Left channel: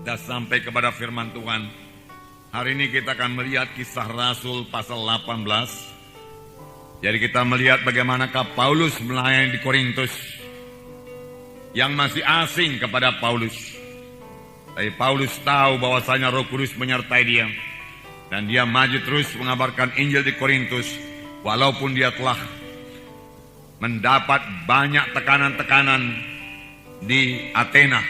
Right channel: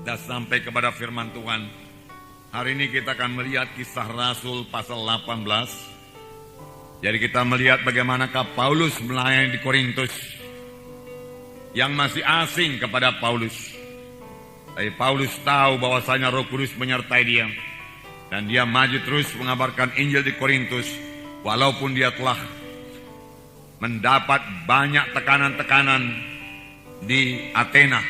Kita sampai kepada firman Tuhan. Hari ini kita akan melihat Kisah Rasul pasal 18. Jadi kita melihat bagaimanakah Paulus melayani di Korintus yang masih asing kepada Paulus. Tapi Paulus tahu bahwasanya Roh Kudus menyertai dia, dan dia maju terus mengabarkan Injil di Korintus walaupun dia telah mendapat banyak tekanan-tekanan di Athena.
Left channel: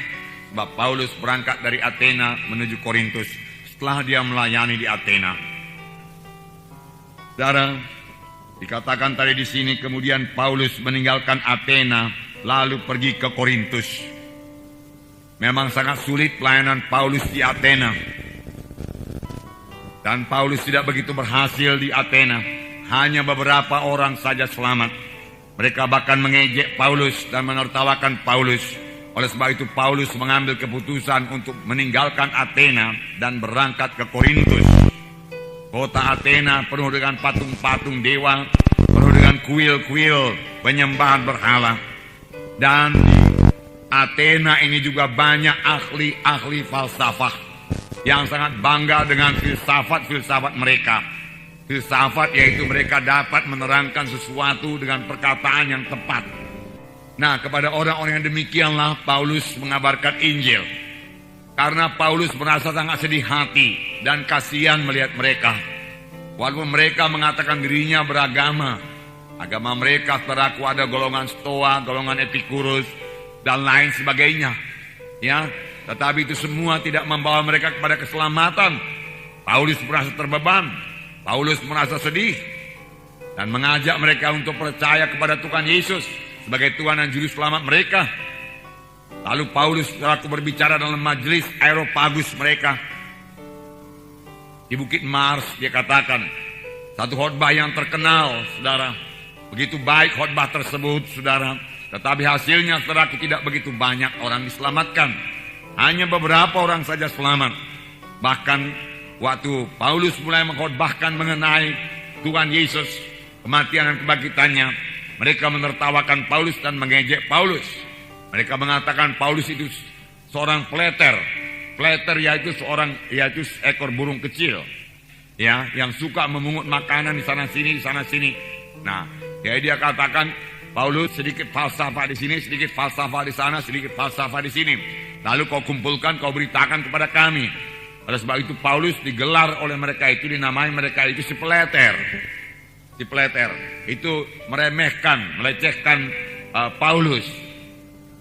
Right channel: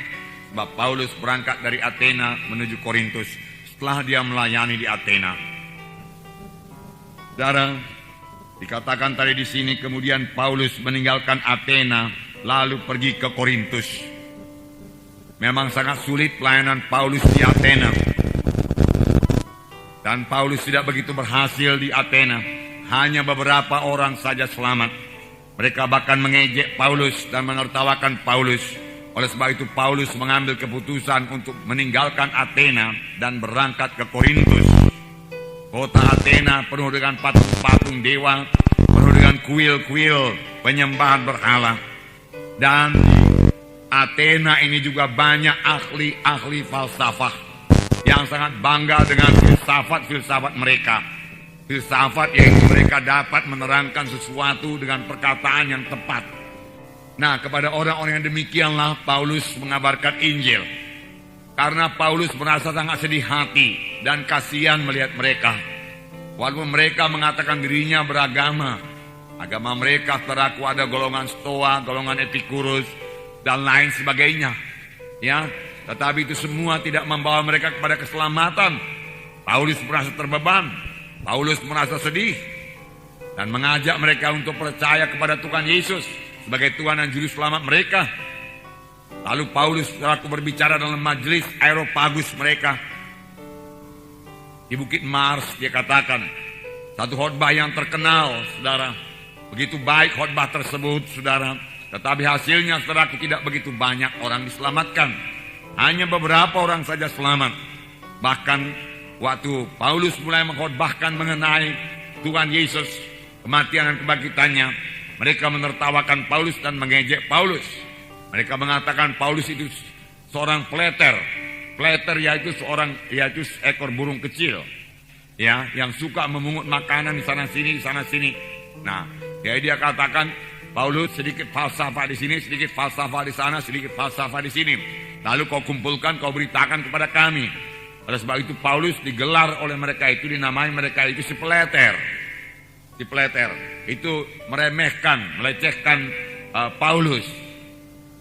Sebab Paulus berangkat dari Athena menuju Korintus setelah dia melayani di Athena. Saudara, dikatakan tadi di sini kemudian Paulus meninggalkan Athena lalu pergi ke Korintus. Memang sangat sulit pelayanan Paulus di Athena. Dan Paulus tidak begitu berhasil di Athena. Hanya beberapa orang saja selamat. Mereka bahkan mengejek Paulus dan menertawakan Paulus. Oleh sebab itu Paulus mengambil keputusan untuk meninggalkan Athena dan berangkat ke Korintus. Kota Athena penuh dengan patung-patung dewa, penuh dengan kuil-kuil penyembahan berhala. Dan Athena ini juga banyak ahli-ahli falsafah yang sangat bangga dengan filsafat-filsafat mereka. Filsafat yaitu mereka dapat menerangkan sesuatu dengan perkataan yang tepat. Nah, kepada orang-orang yang demikianlah Paulus mengabarkan Injil. Karena Paulus merasa sangat sedih hati dan kasihan melihat mereka. Walaupun mereka mengatakan dirinya beragama. Agama mereka saudaraku ada golongan Stoa, golongan Epikurus, dan lain sebagainya. Ya, tetapi itu semua tidak membawa mereka kepada keselamatan. Paulus merasa terbeban. Paulus merasa sedih. Dan mengajak mereka untuk percaya kepada Tuhan Yesus sebagai Tuhan dan Juru Selamat mereka. Lalu Paulus selaku berbicara dalam majelis Areopagus mereka di Bukit Mars. Dia katakan satu khotbah yang terkenal, saudara. Begitu baik khotbah tersebut, saudara. Tetapi hasilnya, saudaraku, tidak begitu banyak orang diselamatkan. Hanya beberapa orang saja selamat. Bahkan waktu Paulus mulai mengkhotbahkan mengenai Tuhan Yesus, kematian dan kebangkitannya, mereka menertawakan Paulus dan mengejek Paulus. Mereka mengatakan Paulus itu seorang peleter. Peleter yaitu seekor burung kecil, ya, yang suka memungut makanan di sana sini. Nah, jadi dia katakan Paulus sedikit falsafah di sini, sedikit falsafah di sana, sedikit falsafah di sini. Lalu kau kumpulkan, kau beritakan kepada kami. Oleh sebab itu Paulus digelar oleh mereka itu, dinamai mereka itu si peleter. Si peleter itu meremehkan, melecehkan Paulus.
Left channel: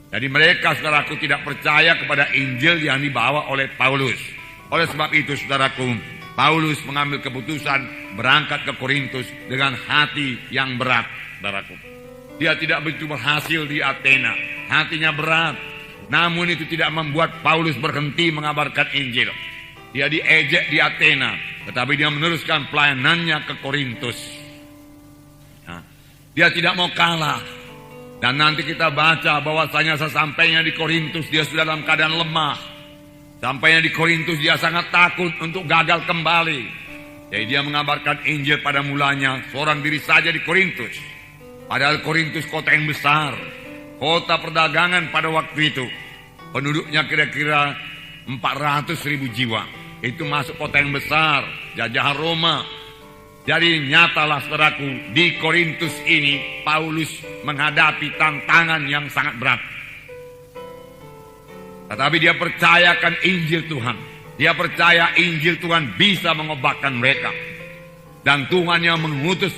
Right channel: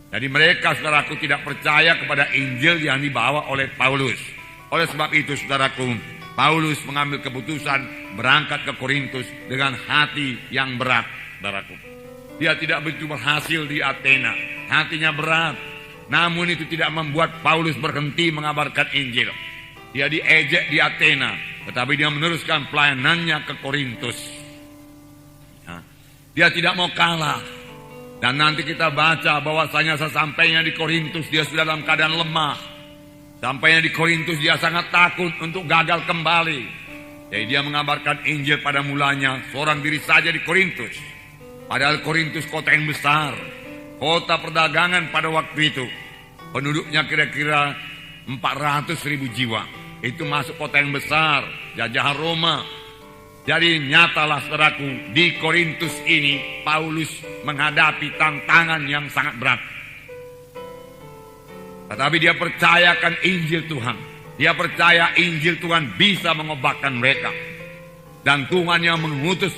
Jadi mereka, saudaraku, tidak percaya kepada Injil yang dibawa oleh Paulus. Oleh sebab itu, saudaraku, Paulus mengambil keputusan berangkat ke Korintus dengan hati yang berat, saudaraku. Dia tidak begitu berhasil di Athena, hatinya berat. Namun itu tidak membuat Paulus berhenti mengabarkan Injil. Dia diejek di Athena, tetapi dia meneruskan pelayanannya ke Korintus. Dia tidak mau kalah. Dan nanti kita baca bahwasanya sesampainya di Korintus dia sudah dalam keadaan lemah. Sampainya di Korintus dia sangat takut untuk gagal kembali. Jadi dia mengabarkan Injil pada mulanya seorang diri saja di Korintus. Padahal Korintus kota yang besar, kota perdagangan pada waktu itu. Penduduknya kira-kira 400.000 jiwa. Itu masuk kota yang besar, jajahan Roma. Jadi nyatalah, saudaraku, di Korintus ini Paulus menghadapi tantangan yang sangat berat. Tetapi dia percayakan Injil Tuhan. Dia percaya Injil Tuhan bisa mengubahkan mereka. Dan Tuhan yang mengutus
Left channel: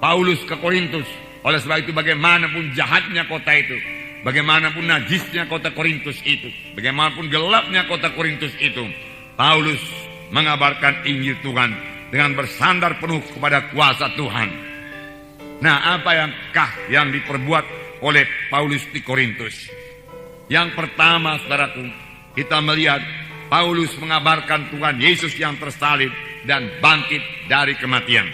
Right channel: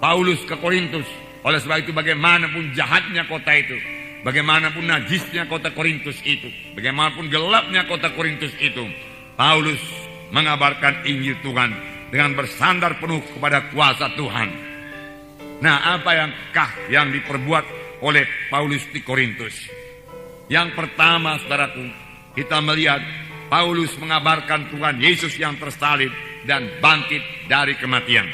Paulus ke Korintus. Oleh sebab itu bagaimanapun jahatnya kota itu, bagaimanapun najisnya kota Korintus itu, bagaimanapun gelapnya kota Korintus itu, Paulus mengabarkan Injil Tuhan dengan bersandar penuh kepada kuasa Tuhan. Nah, apa yang diperbuat oleh Paulus di Korintus? Yang pertama, saudaraku, kita melihat Paulus mengabarkan Tuhan Yesus yang tersalib dan bangkit dari kematian.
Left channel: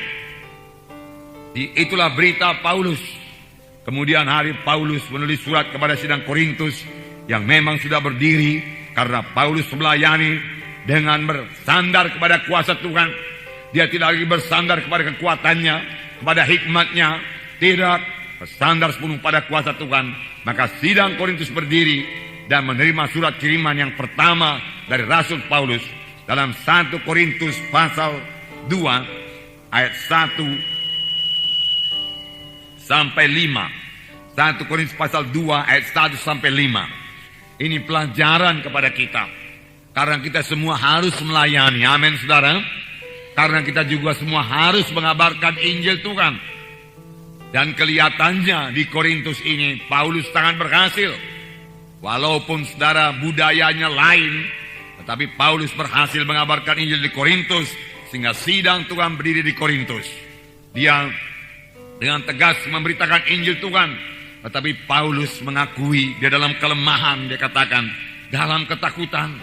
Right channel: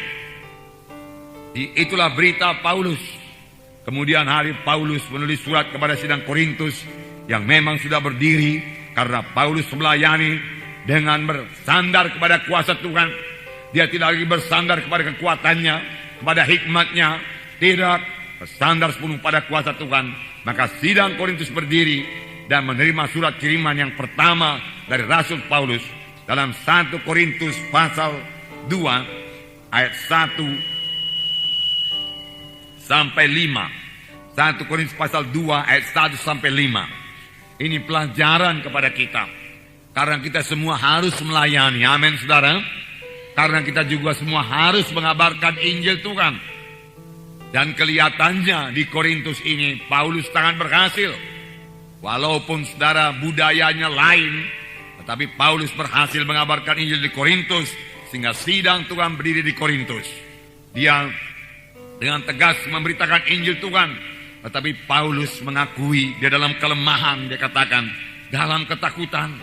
Itulah berita Paulus. Kemudian hari Paulus menulis surat kepada sidang Korintus yang memang sudah berdiri karena Paulus melayani dengan bersandar kepada kuasa Tuhan. Dia tidak lagi bersandar kepada kekuatannya, kepada hikmatnya, tidak bersandar sepenuh pada kuasa Tuhan. Maka sidang Korintus berdiri dan menerima surat kiriman yang pertama dari Rasul Paulus dalam 1 Korintus pasal 2 ayat 1 sampai 5. 1 Korintus pasal 2 ayat 1 sampai 5. Ini pelajaran kepada kita. Karena kita semua harus melayani. Amin, saudara. Karena kita juga semua harus mengabarkan Injil Tuhan. Dan kelihatannya di Korintus ini Paulus sangat berhasil. Walaupun saudara budayanya lain, tetapi Paulus berhasil mengabarkan Injil di Korintus sehingga sidang Tuhan berdiri di Korintus. Dia dengan tegas memberitakan Injil Tuhan, tetapi Paulus mengakui dia dalam kelemahan, dia katakan dalam ketakutan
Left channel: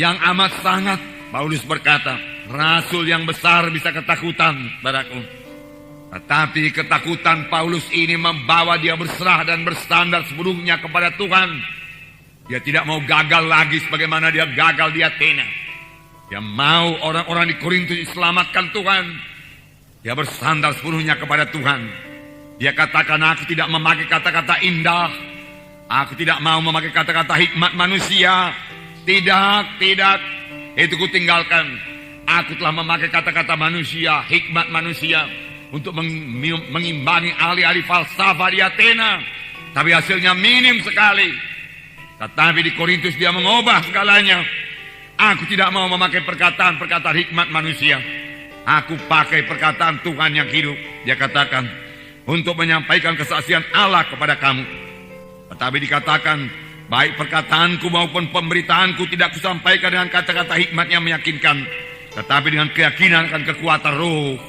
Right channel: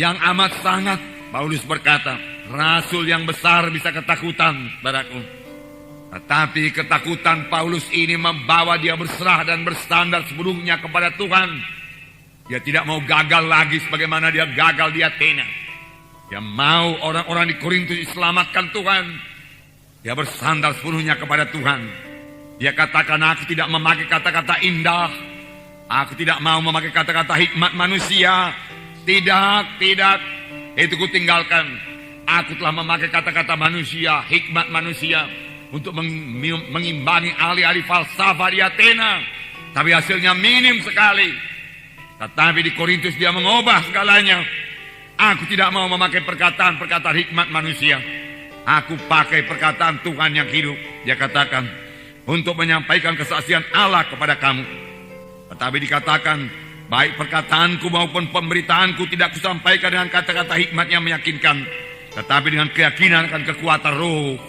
yang amat sangat. Paulus berkata, rasul yang besar bisa ketakutan, saudaraku. Tetapi ketakutan Paulus ini membawa dia berserah dan bersandar sepenuhnya kepada Tuhan. Dia tidak mau gagal lagi sebagaimana dia gagal di Athena. Dia mau orang-orang di Korintus diselamatkan Tuhan. Dia bersandar sepenuhnya kepada Tuhan. Dia katakan, aku tidak memakai kata-kata indah. Aku tidak mau memakai kata-kata hikmat manusia. Tidak. Itu kutinggalkan. Aku telah memakai kata-kata manusia, hikmat manusia, untuk mengimbangi ahli-ahli falsafah di Athena. Tapi hasilnya minim sekali. Tetapi di Korintus dia mengubah segalanya. Aku tidak mau memakai perkataan-perkataan hikmat manusia. Aku pakai perkataan Tuhan yang hidup. Dia katakan, untuk menyampaikan kesaksian Allah kepada kamu. Tetapi dikatakan, baik perkataanku maupun pemberitaanku tidak kusampaikan dengan kata-kata hikmat yang meyakinkan, tetapi dengan keyakinan akan kekuatan roh.